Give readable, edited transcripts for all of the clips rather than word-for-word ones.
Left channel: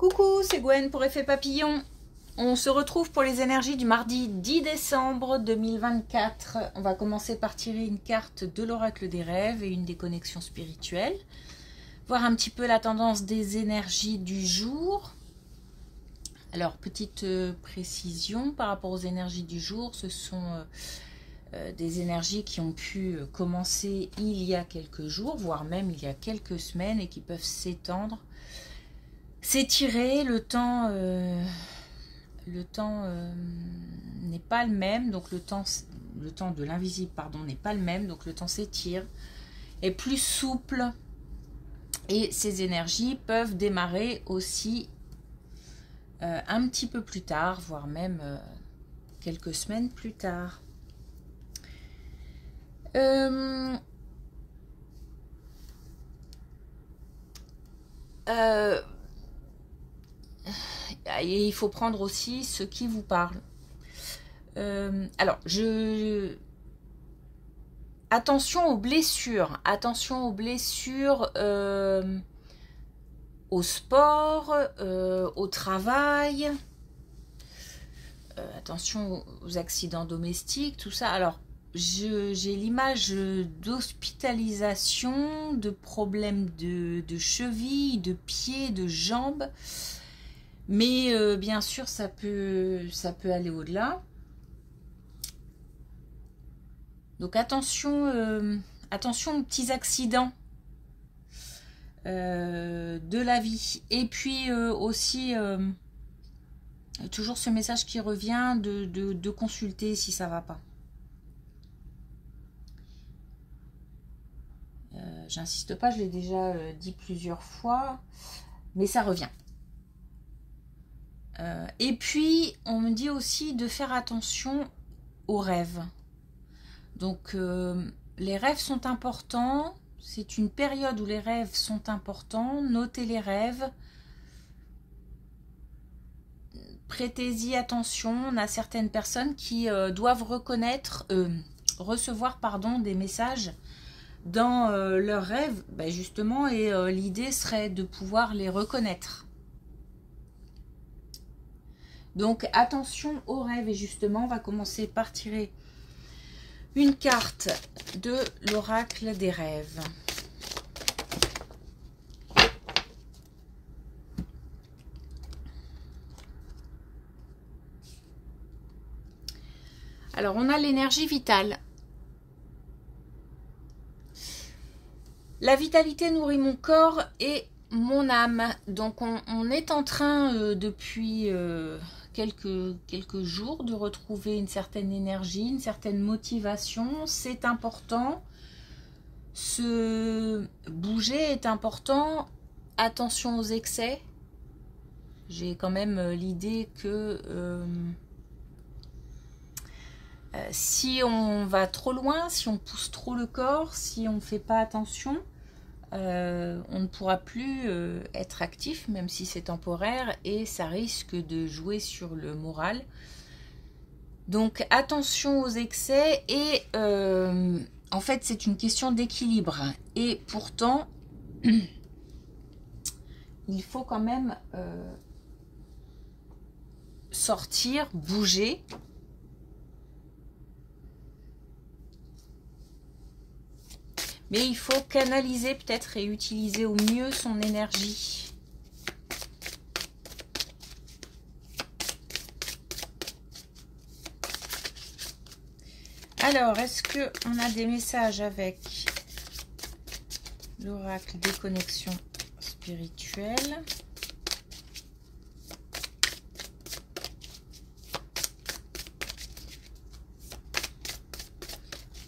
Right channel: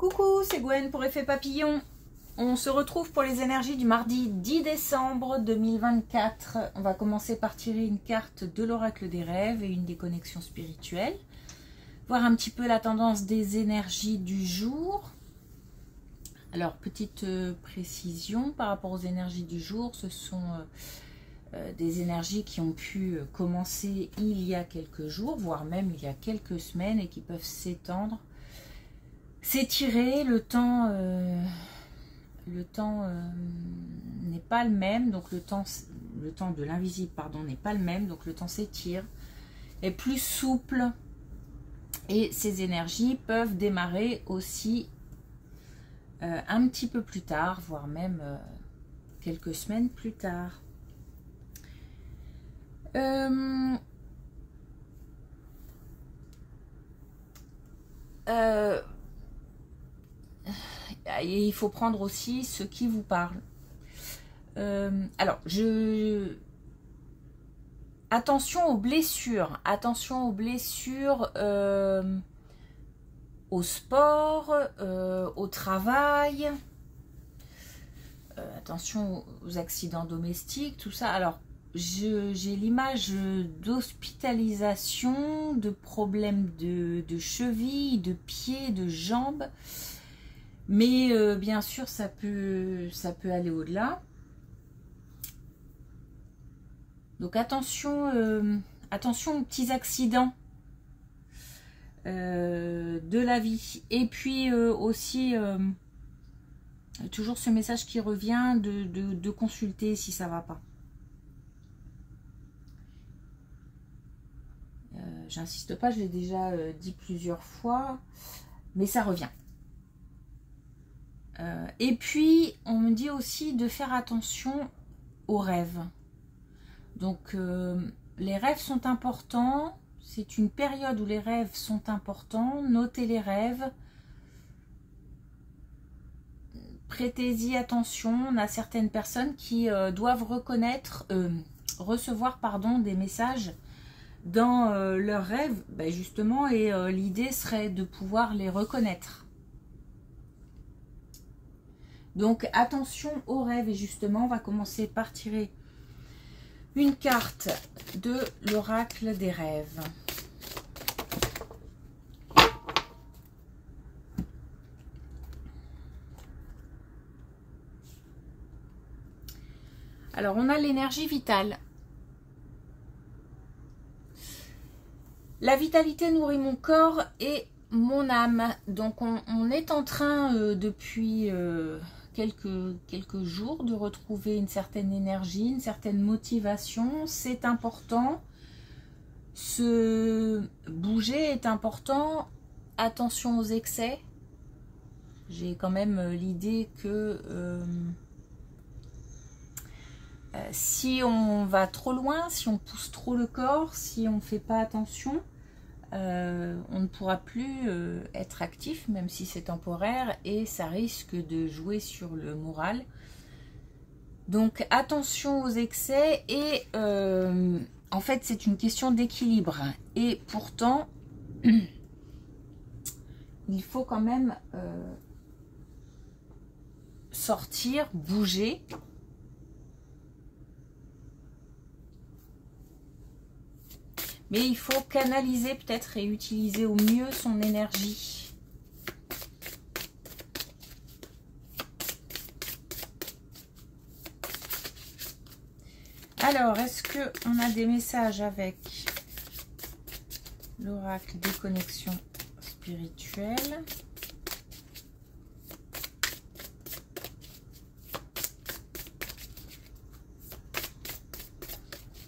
Coucou, c'est Gwen pour Effet Papillon. On se retrouve pour les énergies du mardi 10 décembre 2024. On va commencer par tirer une carte de l'oracle des rêves et une des connexions spirituelles. Voir un petit peu la tendance des énergies du jour. Alors, petite précision par rapport aux énergies du jour, ce sont des énergies qui ont pu commencer il y a quelques jours, voire même il y a quelques semaines et qui peuvent s'étendre. S'étirer, le temps n'est pas le même, donc le temps de l'invisible, pardon, n'est pas le même, donc le temps s'étire, est plus souple, et ces énergies peuvent démarrer aussi un petit peu plus tard, voire même quelques semaines plus tard. Et il faut prendre aussi ce qui vous parle. Alors, attention aux blessures. Attention aux blessures au sport, au travail. Attention aux accidents domestiques, tout ça. Alors, j'ai l'image d'hospitalisation, de problèmes de cheville, de pieds, de jambes. Mais bien sûr, ça peut aller au-delà. Donc attention, attention aux petits accidents de la vie. Et puis aussi, toujours ce message qui revient de consulter si ça ne va pas. J'insiste pas, je l'ai déjà dit plusieurs fois, mais ça revient. Et puis, on me dit aussi de faire attention aux rêves. Donc, les rêves sont importants. C'est une période où les rêves sont importants. Notez les rêves. Prêtez-y attention. On a certaines personnes qui doivent recevoir des messages dans leurs rêves, justement. Et l'idée serait de pouvoir les reconnaître. Donc attention aux rêves, et justement on va commencer par tirer une carte de l'oracle des rêves. Alors on a l'énergie vitale. La vitalité nourrit mon corps et mon âme. Donc on est en train depuis quelques jours de retrouver une certaine énergie, une certaine motivation. C'est important. Se bouger est important. Attention aux excès. J'ai quand même l'idée que si on va trop loin, si on pousse trop le corps, si on ne fait pas attention, on ne pourra plus être actif, même si c'est temporaire, et ça risque de jouer sur le moral. Donc attention aux excès, et en fait c'est une question d'équilibre, et pourtant il faut quand même sortir, bouger. Mais il faut canaliser peut-être et utiliser au mieux son énergie. Alors, est-ce qu'on a des messages avec l'oracle des connexions spirituelles?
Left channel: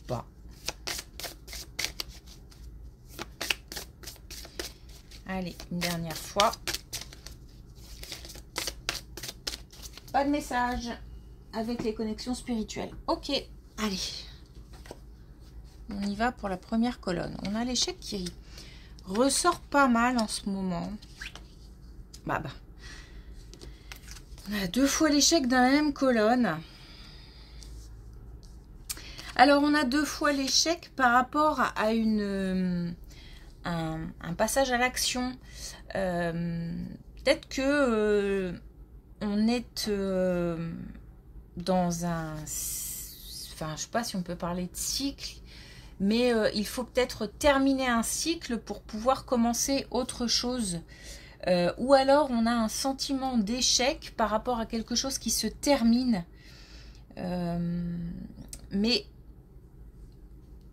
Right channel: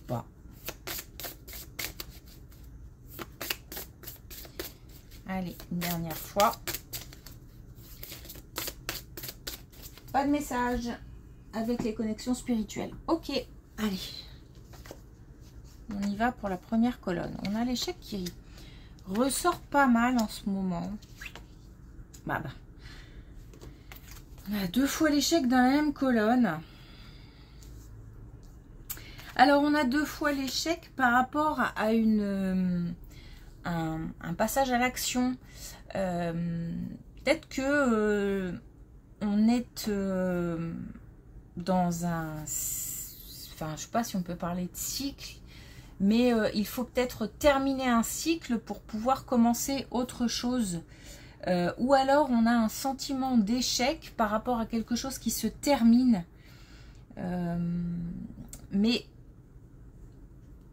Bon. Allez, une dernière fois. Pas de message avec les connexions spirituelles. Ok, allez. On y va pour la première colonne. On a l'échec qui ressort pas mal en ce moment. On a deux fois l'échec dans la même colonne. Alors, on a deux fois l'échec par rapport à un passage à l'action. Peut-être que on est dans un... Enfin, je ne sais pas si on peut parler de cycle, mais il faut peut-être terminer un cycle pour pouvoir commencer autre chose. Ou alors on a un sentiment d'échec par rapport à quelque chose qui se termine. Mais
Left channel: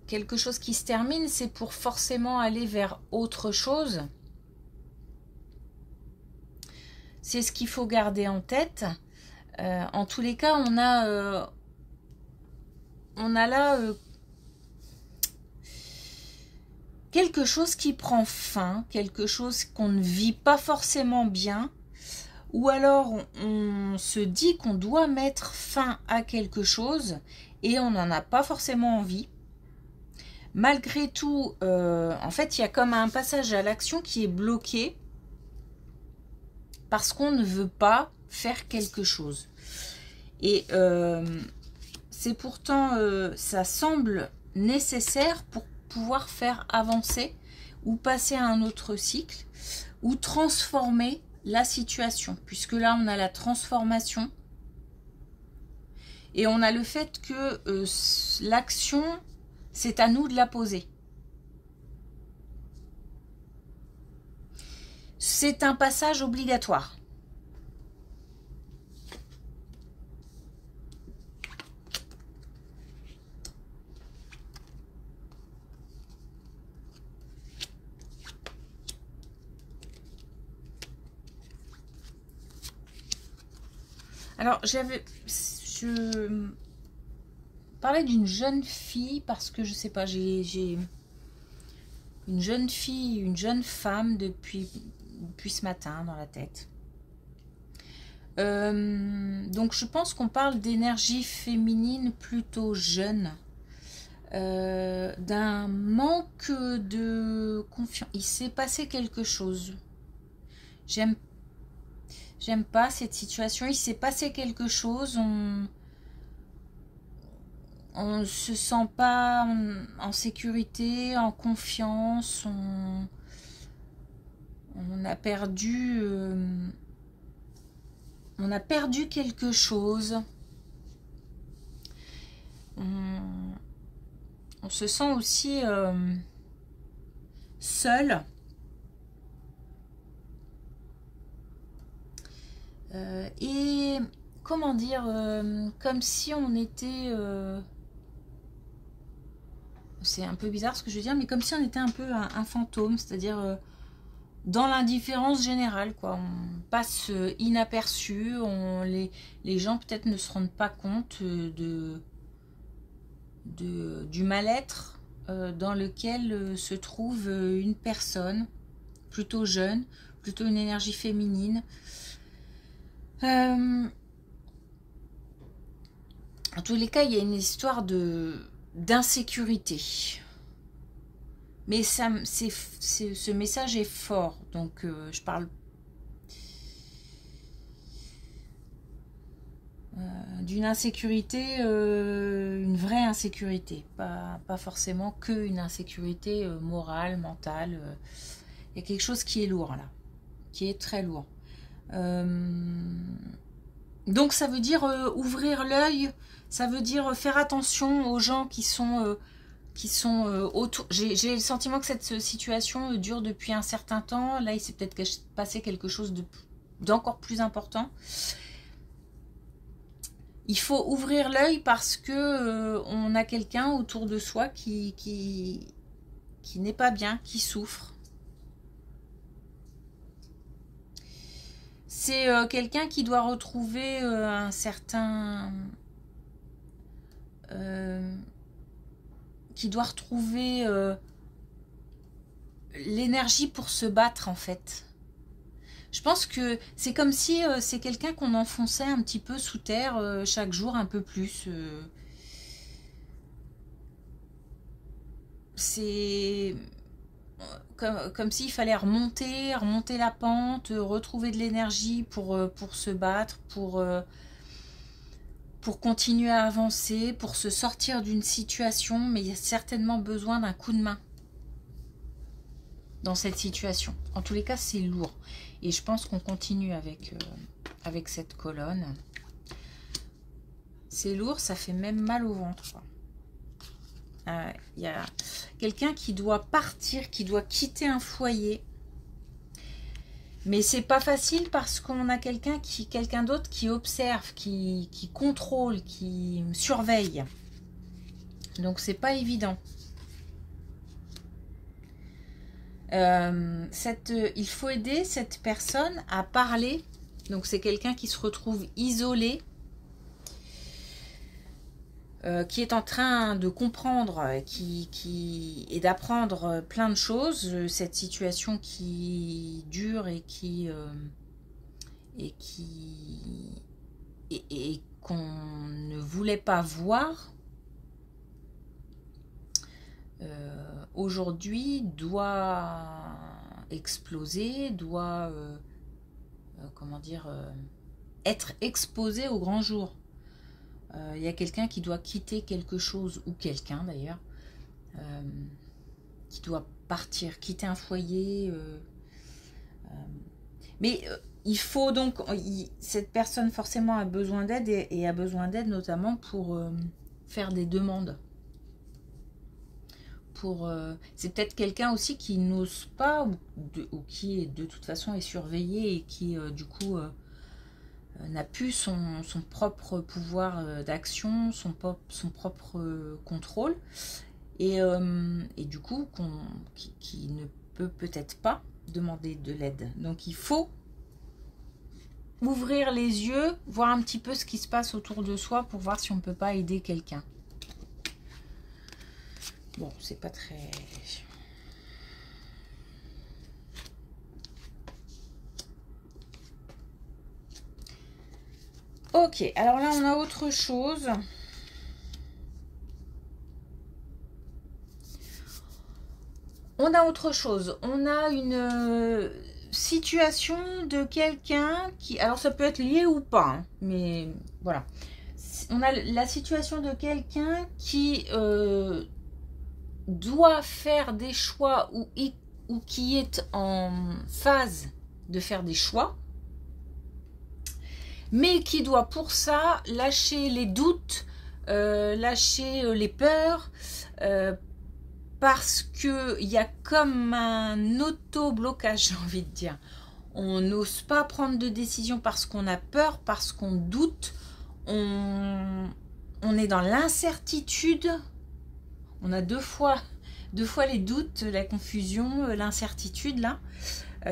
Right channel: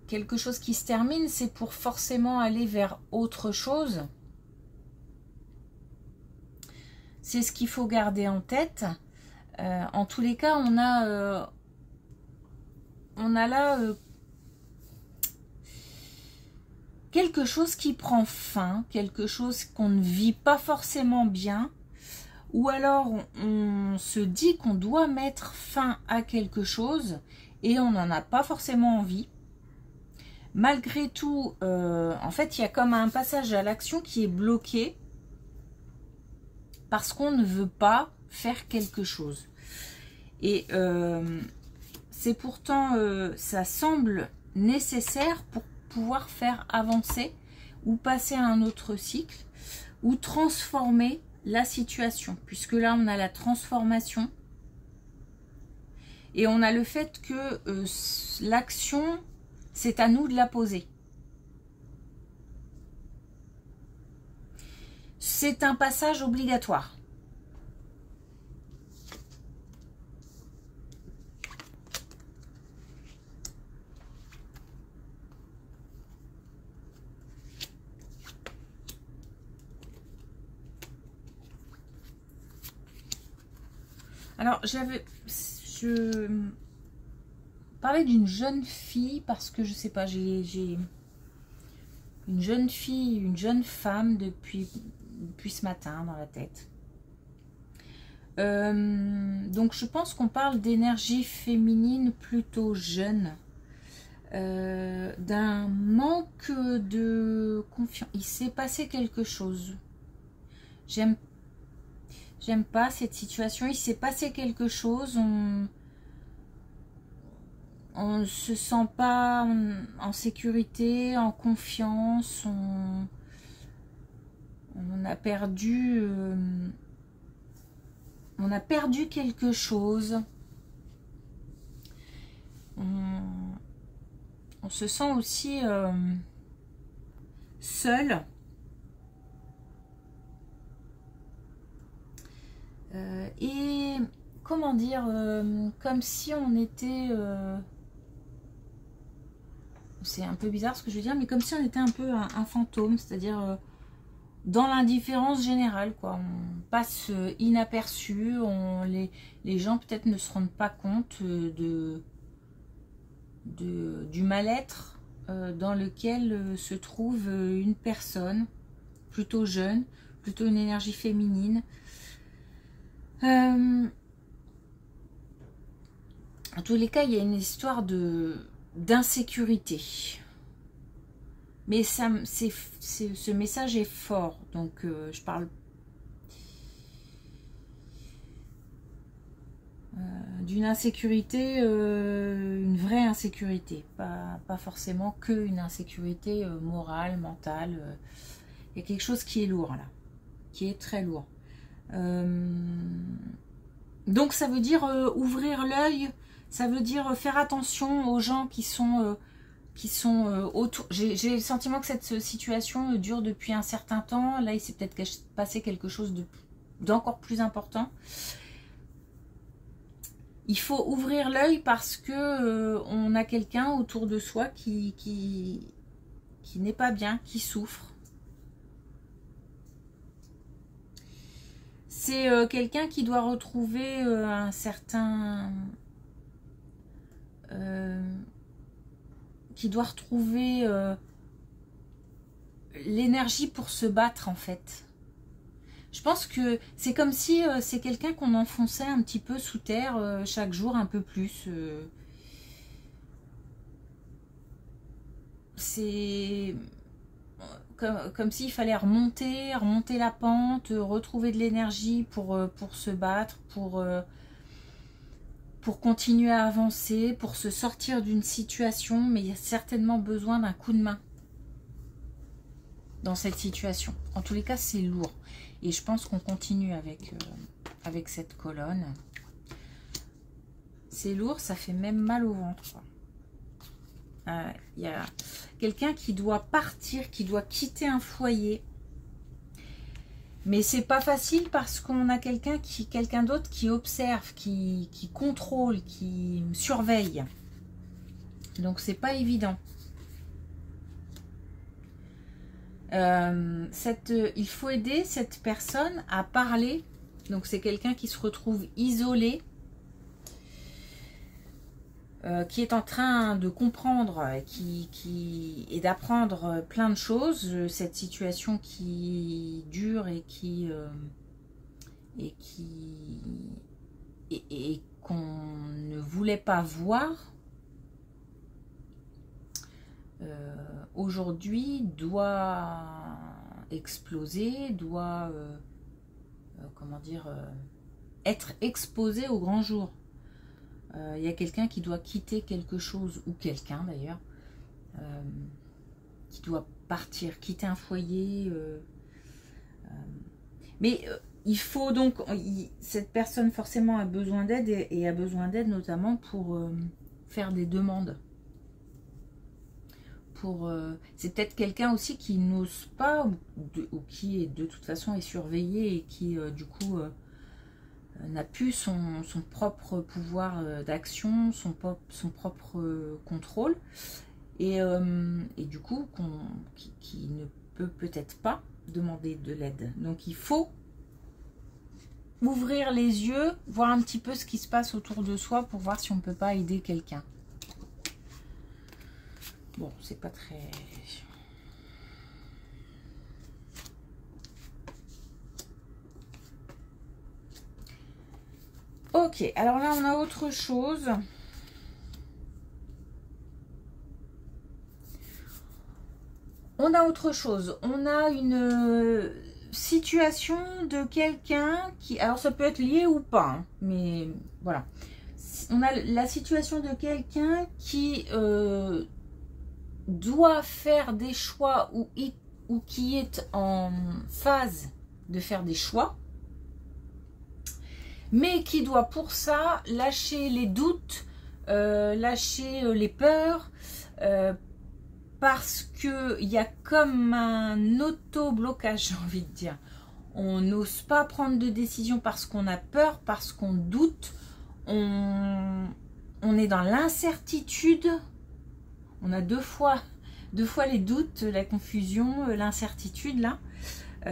quelque chose qui se termine, c'est pour forcément aller vers autre chose. C'est ce qu'il faut garder en tête. En tous les cas, on a là quelque chose qui prend fin, quelque chose qu'on ne vit pas forcément bien, ou alors on se dit qu'on doit mettre fin à quelque chose et on n'en a pas forcément envie. Malgré tout, en fait, il y a comme un passage à l'action qui est bloqué parce qu'on ne veut pas faire quelque chose. Et c'est pourtant, ça semble nécessaire pour pouvoir faire avancer ou passer à un autre cycle ou transformer la situation, puisque là on a la transformation et on a le fait que l'action, c'est à nous de la poser. C'est un passage obligatoire. Alors, je parlais d'une jeune fille parce que je sais pas, j'ai une jeune fille, une jeune femme depuis ce matin dans la tête. Donc, je pense qu'on parle d'énergie féminine plutôt jeune, d'un manque de confiance. Il s'est passé quelque chose. J'aime pas cette situation. Il s'est passé quelque chose. On ne se sent pas en sécurité, en confiance. On a perdu... on a perdu quelque chose. On se sent aussi seul. Et comment dire, comme si on était... c'est un peu bizarre ce que je veux dire, mais comme si on était un peu un fantôme, c'est-à-dire dans l'indifférence générale, quoi. On passe inaperçu, les gens peut-être ne se rendent pas compte du mal-être dans lequel se trouve une personne plutôt jeune, plutôt une énergie féminine. En tous les cas, il y a une histoire d'insécurité. Mais ce message est fort, donc je parle d'une insécurité, une vraie insécurité, pas forcément que une insécurité morale, mentale. Il y a quelque chose qui est lourd là, qui est très lourd. Donc ça veut dire ouvrir l'œil, ça veut dire faire attention aux gens qui sont autour. J'ai le sentiment que cette situation dure depuis un certain temps. Là, il s'est peut-être passé quelque chose d'encore plus important. Il faut ouvrir l'œil parce que on a quelqu'un autour de soi qui n'est pas bien, qui souffre. C'est quelqu'un qui doit retrouver un certain... qui doit retrouver l'énergie pour se battre en fait. Je pense que c'est comme si c'est quelqu'un qu'on enfonçait un petit peu sous terre chaque jour un peu plus. C'est comme s'il fallait remonter la pente, retrouver de l'énergie pour se battre, pour continuer à avancer, pour se sortir d'une situation, mais il y a certainement besoin d'un coup de main. dans cette situation. En tous les cas, c'est lourd. Et je pense qu'on continue avec cette colonne. C'est lourd, ça fait même mal au ventre. Il y a quelqu'un qui doit partir, qui doit quitter un foyer. Mais c'est pas facile parce qu'on a quelqu'un d'autre qui observe, qui contrôle, qui surveille. Donc c'est pas évident. Il faut aider cette personne à parler. Donc c'est quelqu'un qui se retrouve isolé, qui est en train de comprendre et d'apprendre plein de choses. Cette situation qui dure et qu'on ne voulait pas voir. Aujourd'hui doit exploser, doit comment dire, être exposé au grand jour. Il y a quelqu'un qui doit quitter quelque chose, ou quelqu'un d'ailleurs, qui doit partir, quitter un foyer. Mais il faut donc, cette personne forcément a besoin d'aide et a besoin d'aide notamment pour faire des demandes. C'est peut-être quelqu'un aussi qui n'ose pas ou qui de toute façon est surveillé et qui du coup n'a plus son propre pouvoir d'action, son propre contrôle et du coup qui ne peut peut-être pas demander de l'aide. Donc il faut ouvrir les yeux, voir un petit peu ce qui se passe autour de soi pour voir si on ne peut pas aider quelqu'un. Bon, c'est pas très... Ok, alors là, on a autre chose. On a autre chose. On a une situation de quelqu'un qui... Alors, ça peut être lié ou pas, hein, mais voilà. On a la situation de quelqu'un qui... doit faire des choix ou qui est en phase de faire des choix, mais qui doit pour ça lâcher les doutes, lâcher les peurs, parce qu'il y a comme un auto-blocage, j'ai envie de dire. On n'ose pas prendre de décision parce qu'on a peur, parce qu'on doute, on est dans l'incertitude. On a deux fois les doutes, la confusion, l'incertitude là.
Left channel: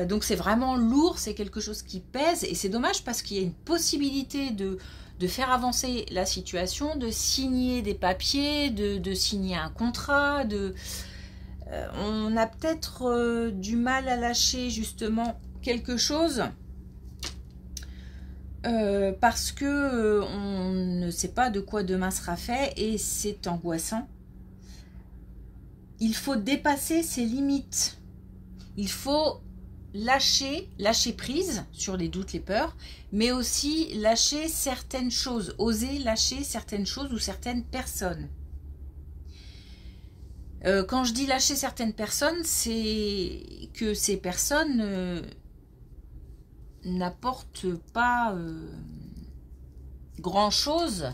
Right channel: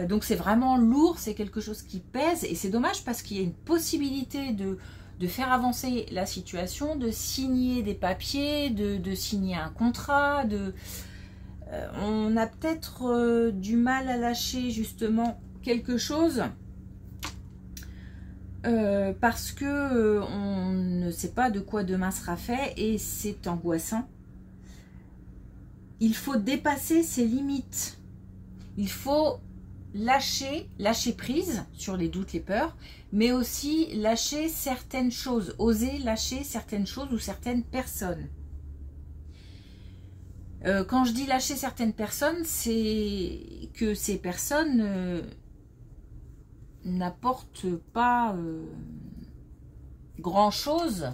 Donc c'est vraiment lourd, c'est quelque chose qui pèse et c'est dommage parce qu'il y a une possibilité de faire avancer la situation, de signer des papiers, de signer un contrat. On a peut-être du mal à lâcher justement quelque chose parce que on ne sait pas de quoi demain sera fait et c'est angoissant. Il faut dépasser ses limites. Il faut lâcher prise sur les doutes, les peurs, mais aussi lâcher certaines choses, oser lâcher certaines choses ou certaines personnes. Quand je dis lâcher certaines personnes, c'est que ces personnes n'apportent pas grand-chose.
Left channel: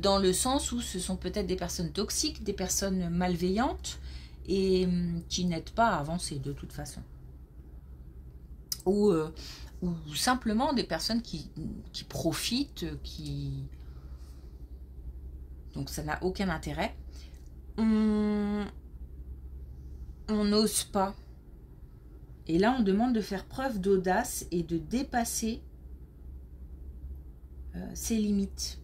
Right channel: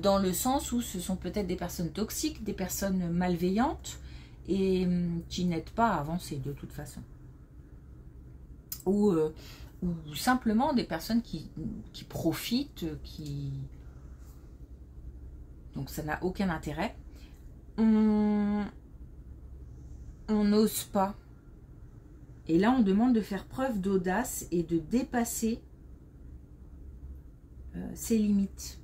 Dans le sens où ce sont peut-être des personnes toxiques, des personnes malveillantes et qui n'aident pas à avancer de toute façon. Ou simplement des personnes qui profitent, donc ça n'a aucun intérêt. On n'ose pas. Et là, on demande de faire preuve d'audace et de dépasser ses limites.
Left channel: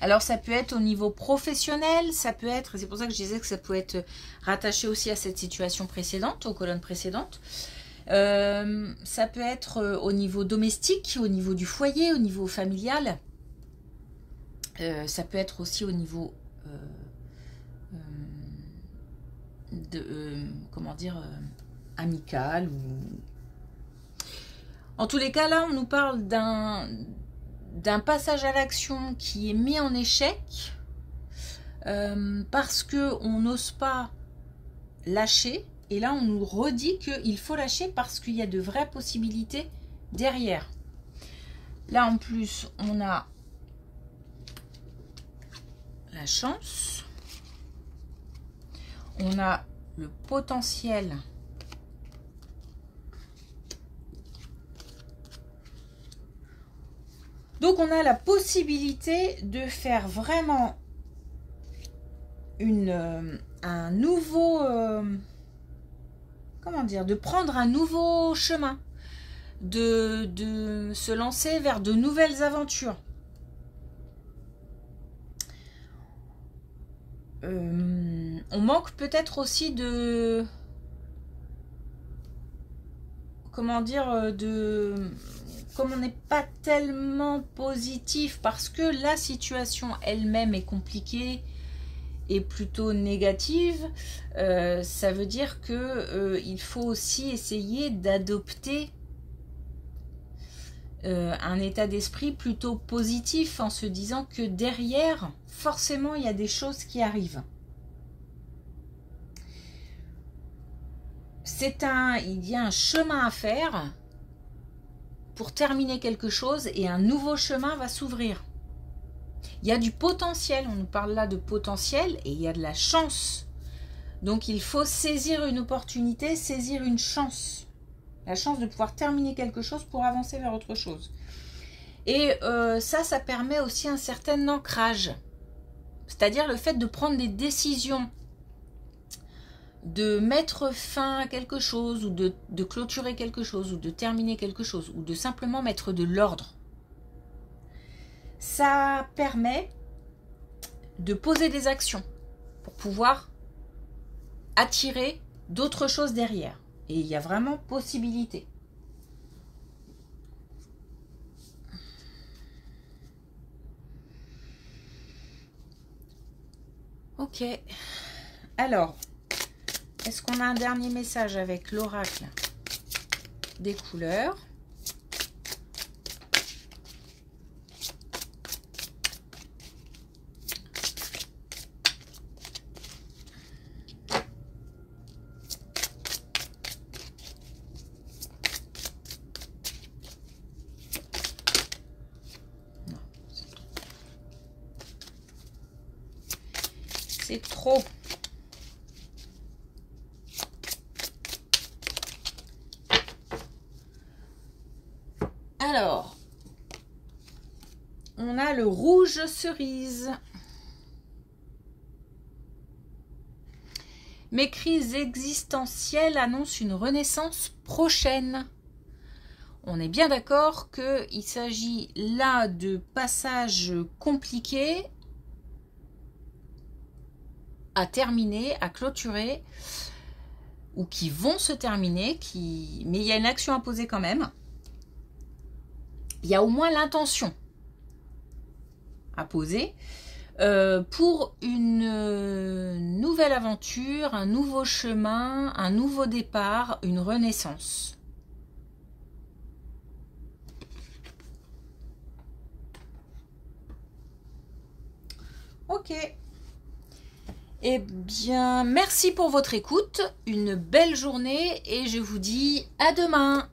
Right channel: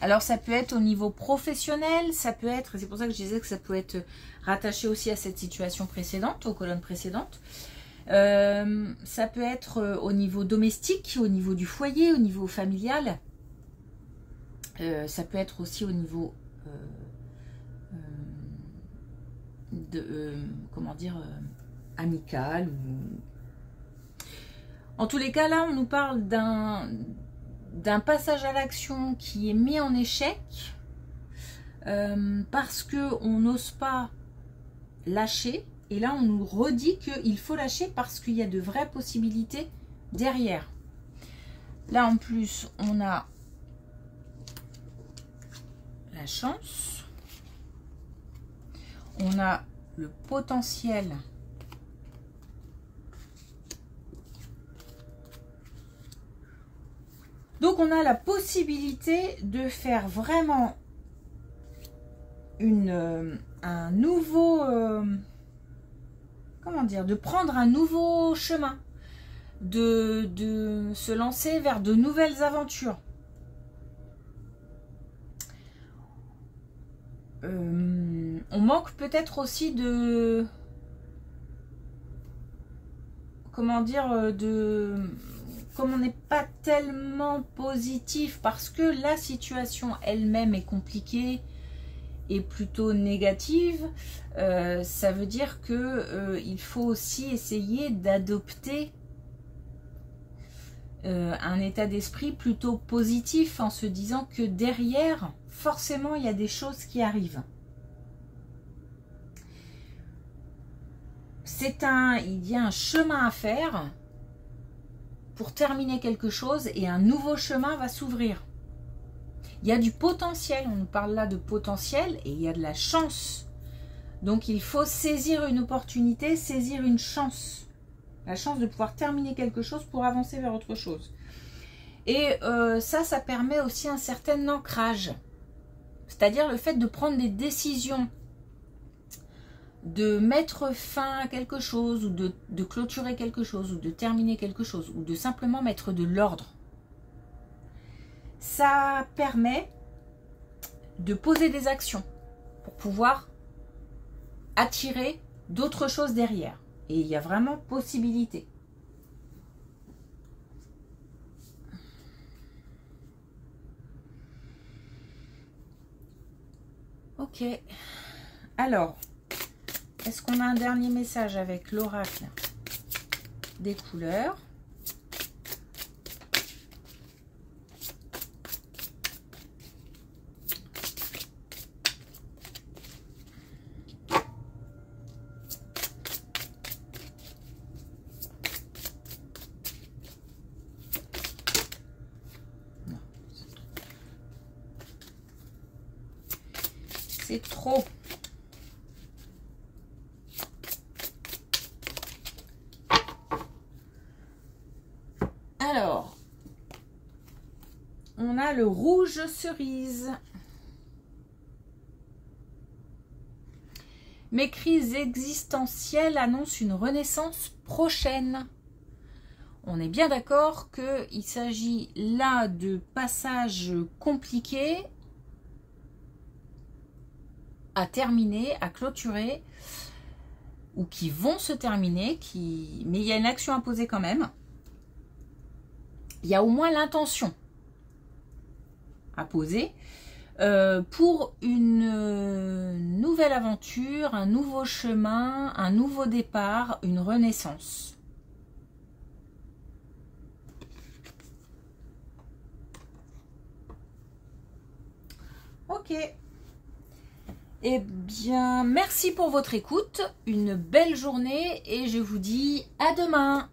Alors ça peut être au niveau professionnel, ça peut être, c'est pour ça que je disais que ça peut être rattaché aussi à cette situation précédente, aux colonnes précédentes. Ça peut être au niveau domestique, au niveau du foyer, au niveau familial. Ça peut être aussi au niveau comment dire, amical. En tous les cas, là, on nous parle d'un passage à l'action qui est mis en échec parce qu'on n'ose pas lâcher. Et là, on nous redit qu'il faut lâcher parce qu'il y a de vraies possibilités derrière. Là, en plus, on a la chance. On a le potentiel. Donc, on a la possibilité de faire vraiment un nouveau... comment dire? De prendre un nouveau chemin. De se lancer vers de nouvelles aventures. On manque peut-être aussi de... comment dire? Comme on n'est pas tellement positif parce que la situation elle-même est compliquée et plutôt négative, ça veut dire que il faut aussi essayer d'adopter un état d'esprit plutôt positif en se disant que derrière, forcément, il y a des choses qui arrivent. Il y a un chemin à faire pour terminer quelque chose et un nouveau chemin va s'ouvrir. Il y a du potentiel, on nous parle là de potentiel et il y a de la chance. Donc il faut saisir une opportunité, saisir une chance. La chance de pouvoir terminer quelque chose pour avancer vers autre chose. Et ça permet aussi un certain ancrage. C'est-à-dire le fait de prendre des décisions, de mettre fin à quelque chose, ou de clôturer quelque chose, ou de terminer quelque chose, ou de simplement mettre de l'ordre. Ça permet de poser des actions pour pouvoir attirer d'autres choses derrière. Et il y a vraiment possibilité. Ok. Alors, est-ce qu'on a un dernier message avec l'oracle des couleurs? C'est trop. Alors, on a le rouge cerise. Mes crises existentielles annoncent une renaissance prochaine. On est bien d'accord qu'il s'agit là de passages compliqués à terminer, à clôturer, ou qui vont se terminer, mais il y a une action à poser quand même. Il y a au moins l'intention à poser pour une nouvelle aventure, un nouveau chemin, un nouveau départ, une renaissance. Ok. Eh bien, merci pour votre écoute, une belle journée et je vous dis à demain.